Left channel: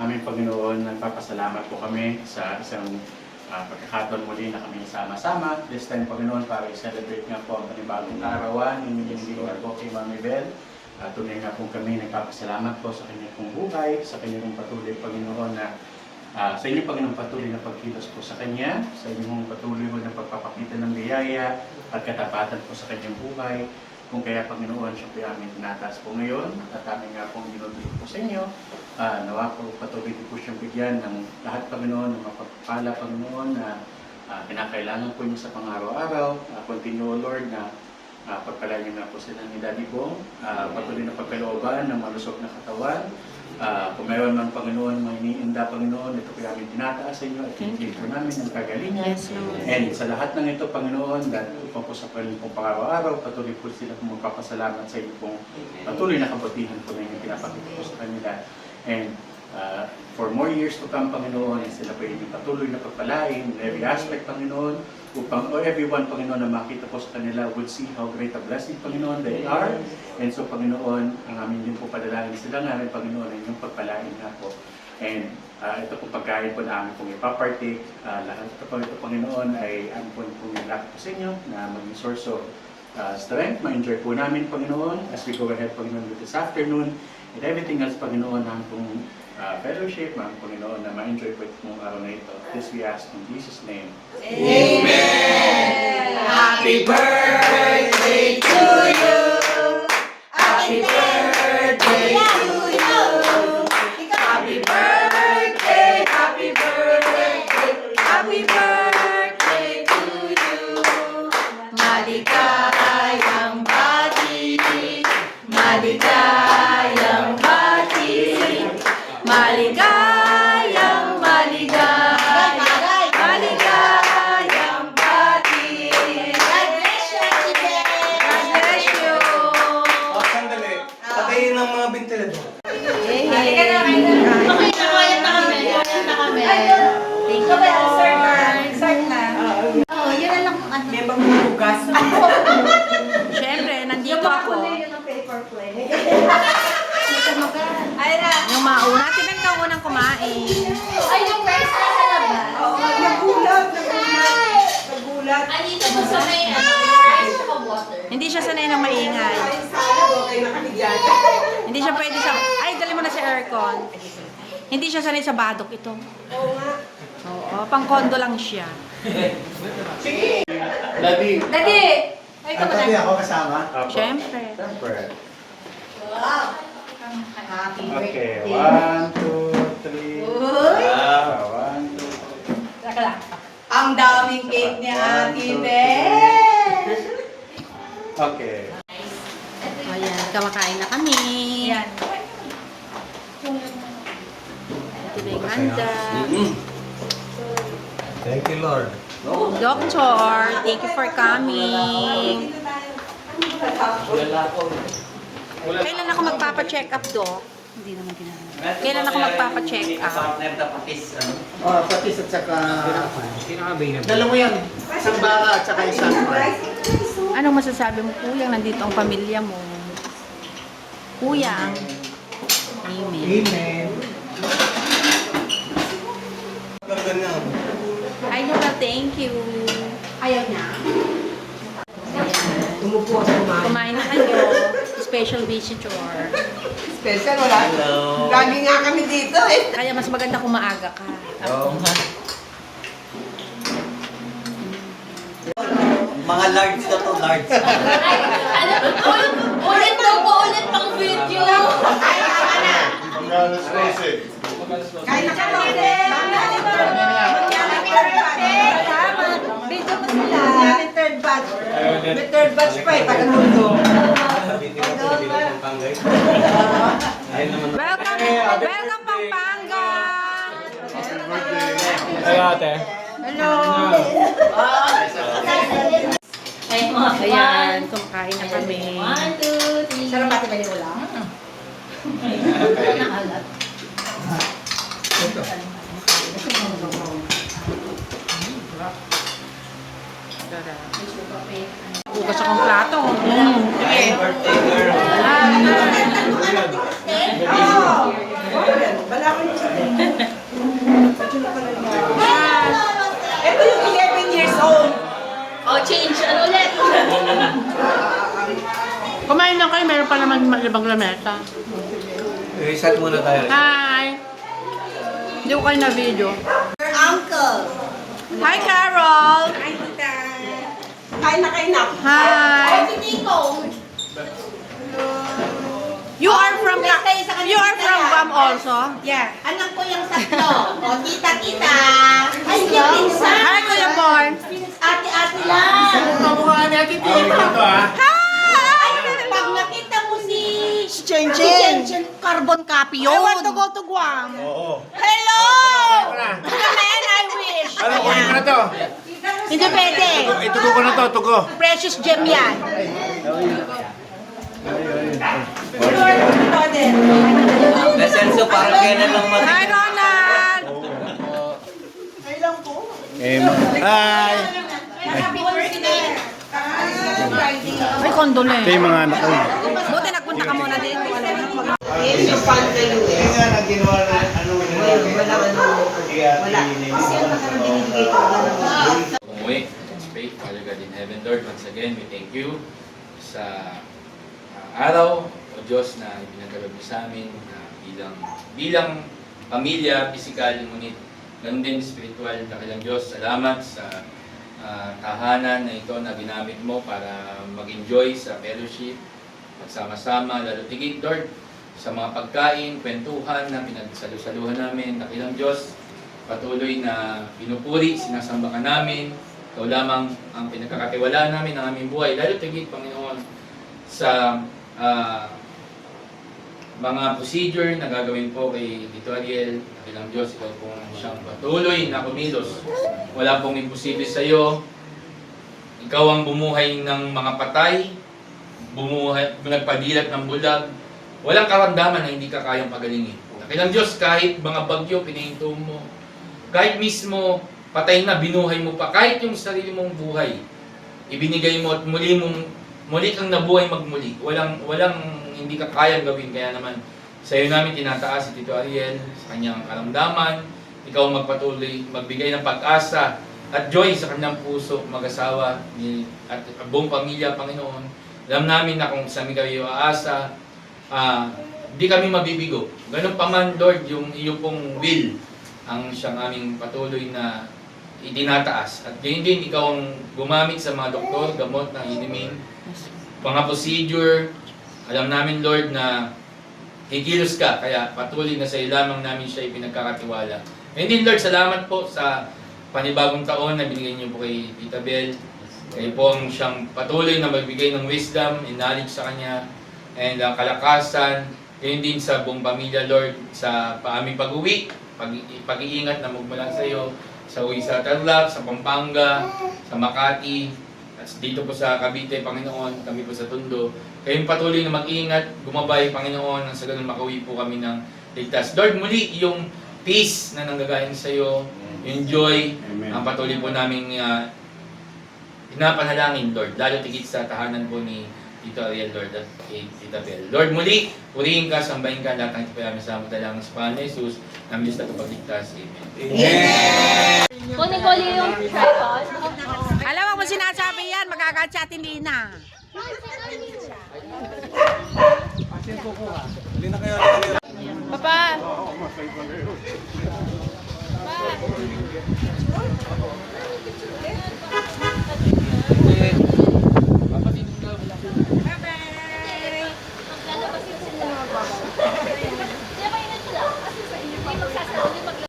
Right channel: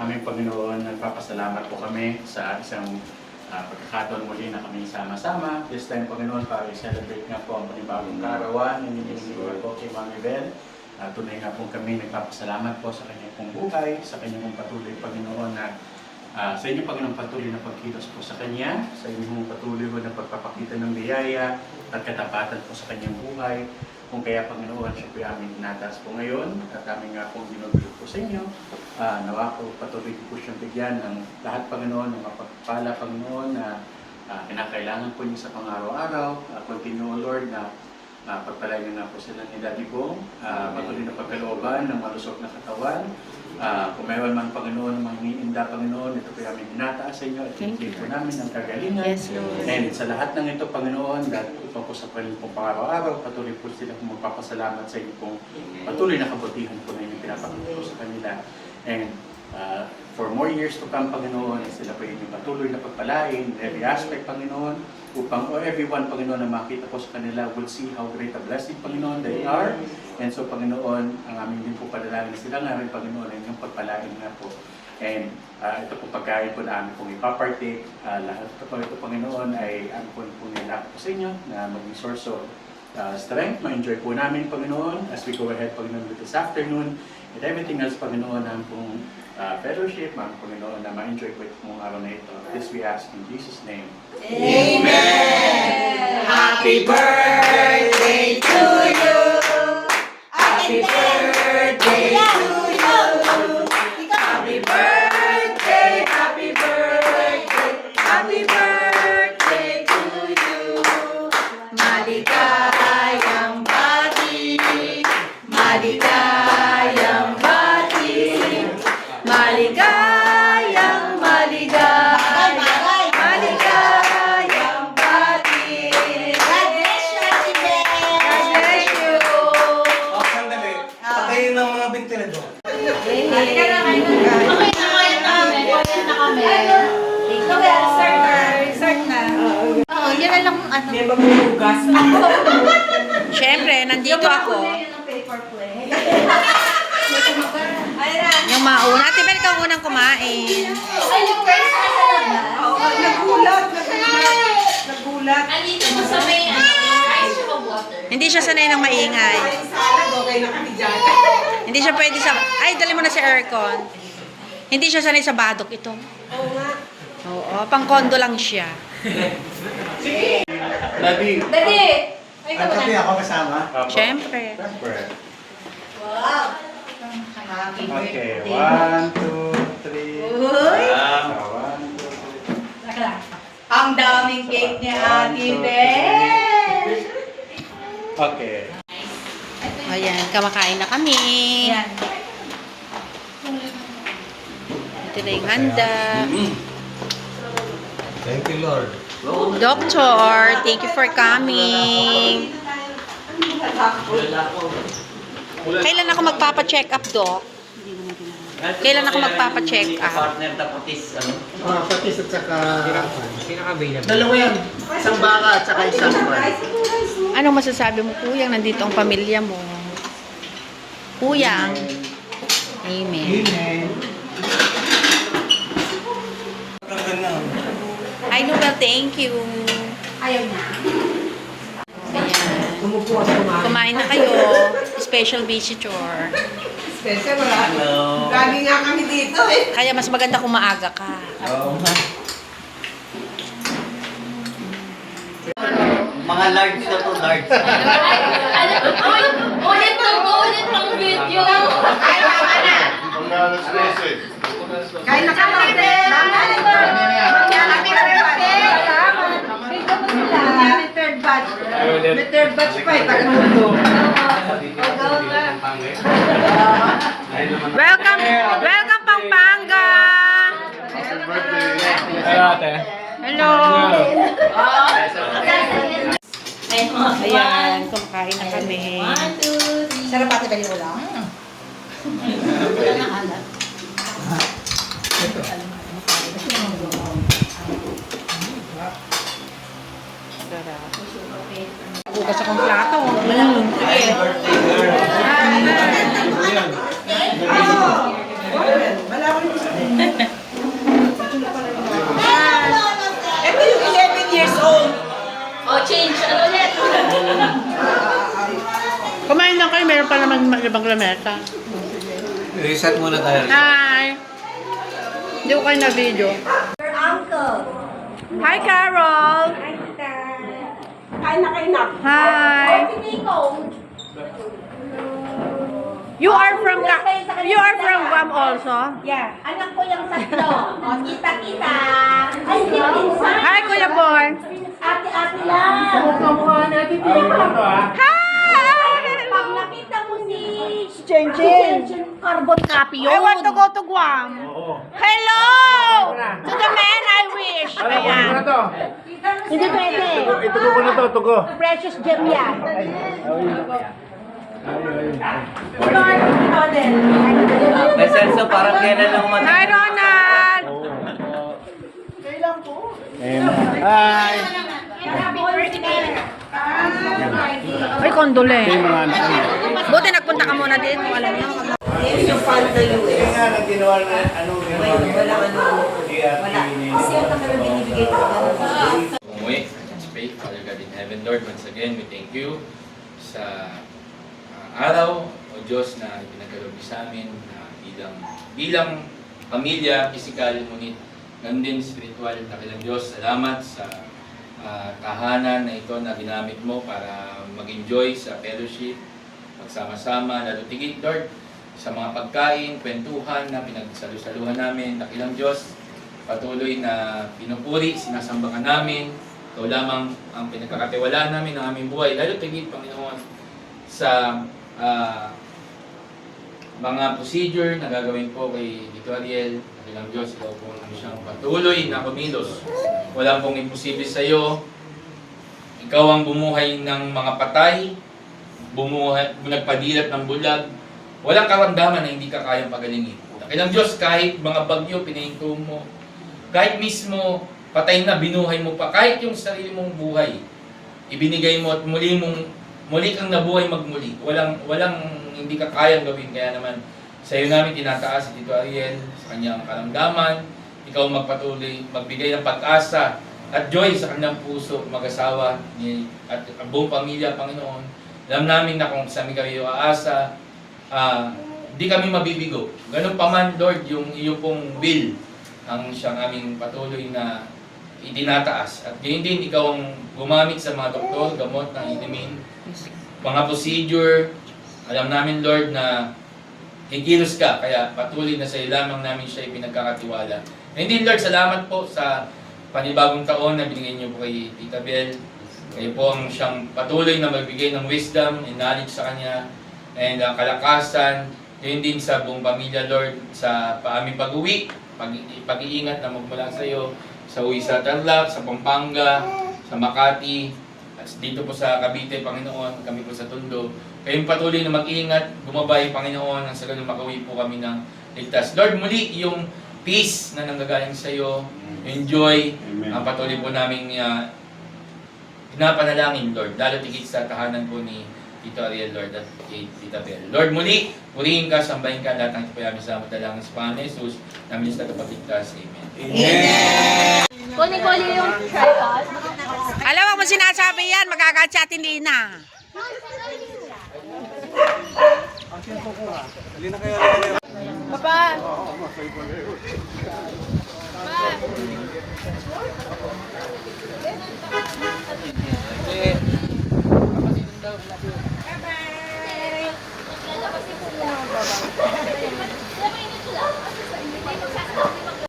Aming Panginoon, nagpapasalamat po kami sa isang pagkakataon muli na kami sama-sama. This time, Panginoon, para i-celebrate nga po ang panibagong karawan ng binigay po kay Mami Bel. Tunay nga po kami nagpapasalamat po sa kanyang pong buhay, sa kanyang patuloy, Panginoon, na sa inyong Panginoon patuloy na pagkilos po sa Kanya, sa inyong patuloy po na pagpapakita ng biyaya at katapatan po sa Kanyang buhay. Kung kaya Panginoon, siya po yung aming tinatas po ngayon at aming nga pong dinudulog po sa inyo. Nawa po patuloy po siyang bigyan ng lahat Panginoon, ng mapagpala Panginoon na pinakailangan po niyo sa pang-araw-araw. Continue Lord na pagpalain niyo na po sila ni Daddy Bong, patuloy na pagkalooban ng malusog na katawan. Kung mayroon man Panginoon, mga iniinda Panginoon, ito po yung aming binataas sa inyo at pinigay po namin ng kagalingan. Yes, Lord. And sa lahat ng ito Panginoon, dahil upang po sa pong pang-araw-araw, patuloy po sila kung magpapasalamat sa inyo pong patuloy na kabutihan po na inyong pinapakita po sa kanila. And for more years to come Panginoon, sila po inyong patuloy na pagpalain, every aspect Panginoon, upang everyone Panginoon na makita po sa kanila would see how great a blessing Panginoon they are. And so Panginoon, ang aming din po padalangin sila nga rin Panginoon ay inyong pagpalain na po. And ito pong pagkain po na aming pong ipapartake, lahat ito Panginoon ay aming pong nilak po sa inyo na maging source of strength, ma-enjoy po namin Panginoon as we go ahead Panginoon with this afternoon and everything else Panginoon ang pong fellowship, mga Panginoon na ma-enjoy po itong araw na ito. This we ask in Jesus' name. Amen! Happy birthday to you! Happy birthday to you! Happy birthday! Happy birthday! Happy birthday to you! Maligayang bati! Maligayang bati! Maligayang, maligayang, maligayang bati. God bless you, Chibe. God bless you. Sandali. Patayin ng mga ventilador. Halika na kayo. Okay na kami. Thank you, Lord. Start na. Oo, yan na lang ano. May magbubugas. Siyempre, nandito ako. Yung mauna. Ate Bel, ikaw unang kumain. Ay, yung first na sa labas. Nagulat. Andito po sa may rice at water. Hindi siya sanay ng maingay. Okay na kami dyan. Hindi siya pwede sa... Ay, dali mo na sa aircon. Hindi siya sanay sa badok ito. Oo nga. Oo, pang kondo lang siya. Daddy! Daddy! Ay, ka Ang ba ako kasama. Siyempre. Siyempre. Wow! Happy Okay, birthday. 1, 2, 3. Uy! 1, 2, Saka lang. Ang daming cake ni Ate Bel! Okay. Ayan, kamakain na kami. Yan. Ito na yung handa. Thank you, Lord. Doctor, thank you for coming. Kailan ako magpapa-check up, Doc? Kailan ako magpapa-check up? Partner na patis, ano? Oh, patis at saka... Dalawa yan. Isang baka at saka isang pan. Anong masasabi mo, Kuyang? Nandito ang pamilya mo. Kuyang. Amen. Amen. Hi, Noel. Thank you. Ayaw na. Ayan. Umupo at kumain. Kumain na kayo. Special visitor. Special, wala. Hello. Lagi nga kami dito eh. Kaya mas maganda kung maaga ka. Oo. Mga large na to, large. Ulit pang video. Kain na ka, Ma'am Bel. Happy birthday. Salamat. Dito po sila. May third batch. May third batch pa eh, taga-mundo. Welcome! Welcome, Pampanga! Hello, ate. Hello! Ayan, kumakain na kami. Sarap pati ba yung ulam? Sarap. Bukas akong plato. Sige. Happy birthday, girl. naman mag-ibang lamesa. Reset muna tayo. Hi! Hindi ko kayo na-video. Uncle. Hi, Carol! Kain na kayo na. Hi! You are from Guam also? Yeah. Anak ko yung tatlo. O, kita-kita. Ay, yung pinsan. Hi, Kuya Bon! Ate-ate lang. Hi! Pag nakita mo si Chen Chen, carbon copy yun. I want to go to Guam. Hello! To the man I wish. Ayan. Hindi pwede. Itugo ko na to, tugo. Precious gem yan. Lesenso, parang kailan lang Hi, Ronald! Hi! Ay, kondole. Kay mga anak ko. Buti nagpunta ka muna dito. Yung fan na US. Nga na ginawa na ano. Wala. Kasi ang nakalagay Umuwi, let's pray. Father God in heaven, Lord, once again, we thank you sa araw o Diyos na pinagkaloob niyo sa amin na bilang pamilya, physical, ngunit ganun din spiritual. Dakilang Diyos, salamat sa tahanan na ito na ginamit mo para mag-enjoy sa fellowship, magsama-sama, lalo tigit, Lord, sa mga pagkain, kwentuhan na pinagsalusaluhan namin. Dakilang Diyos, patuloy na pinupuri, sinasamba ka namin. Ikaw lamang ang pinagkakatiwalaan namin ng aming buhay. Lalo tigit, Panginoon, sa mga procedure na gagawin po kay Tito Ariel. Dakilang Diyos, ikaw po ang siyang patuloy na kumilos. Wala pong imposible sa iyo. Ikaw ang bumuhay ng mga patay, nagpadilat ng bulag. Walang karamdaman na hindi ka kayang pagalingin. Dakilang Diyos, kahit mga bagyo pinahinto mo, kahit mismo patay na binuhay mo pa, kahit yung sarili mong buhay, ibinigay mo at muli kang nabuhay magmuli. Walang hindi ka kayang gawin. Kaya naman sa iyo namin tinataas si Tito Ariel sa kanyang karamdaman. Ikaw magpatuloy, magbigay ng pag-asa at joy sa kanyang puso, mag-asawa at buong pamilya, Panginoon. Alam namin na kung sa amin kayo aasa, di kami mabibigo. Ganun pa man, Lord, yung iyong pong will ang siyang aming patuloy na itinataas. At gayon din, ikaw ang gumamit sa mga doktor, gamot na inumin, mga procedure. Alam namin, Lord, na hikilos ka, kaya patuloy na sa iyo lamang namin siya ipinagkakatiwala. And then, Lord, salamat po sa panibagong taon na binigay niyo po kay Tita Bel. Kayo po ang siyang patuloy na magbigay ng wisdom and knowledge sa kanya and kalakasan. Ngayon din sa buong pamilya, Lord, sa aming pag-uwi, pag-iingat na magmula sa iyo, sa uwi sa Tarlac, sa Pampanga, sa Makati, at dito po sa Cavite, Panginoon, kami po sa Tondo. Kayong patuloy na mag-iingat, gumabay, Panginoon, nang sa ganun makauwi po kami ng ligtas. Lord, muli yung peace na nanggagaling sa iyo, enjoy, ang patuloy po namin pinapanalangin, Lord, lalo tigit sa tahanan po ni Tito Ariel, Lord, at kay Tita Bel. Lord, muli, purihin ka, sambahin ka, lahat ng ipayami sa dalangin sa Panginoon Jesus, namin sa kapagligtas. Amen. Kuli-kuli yung tripod. Alam mo sinasabi yan, magagalit sa atin Lina. Papa.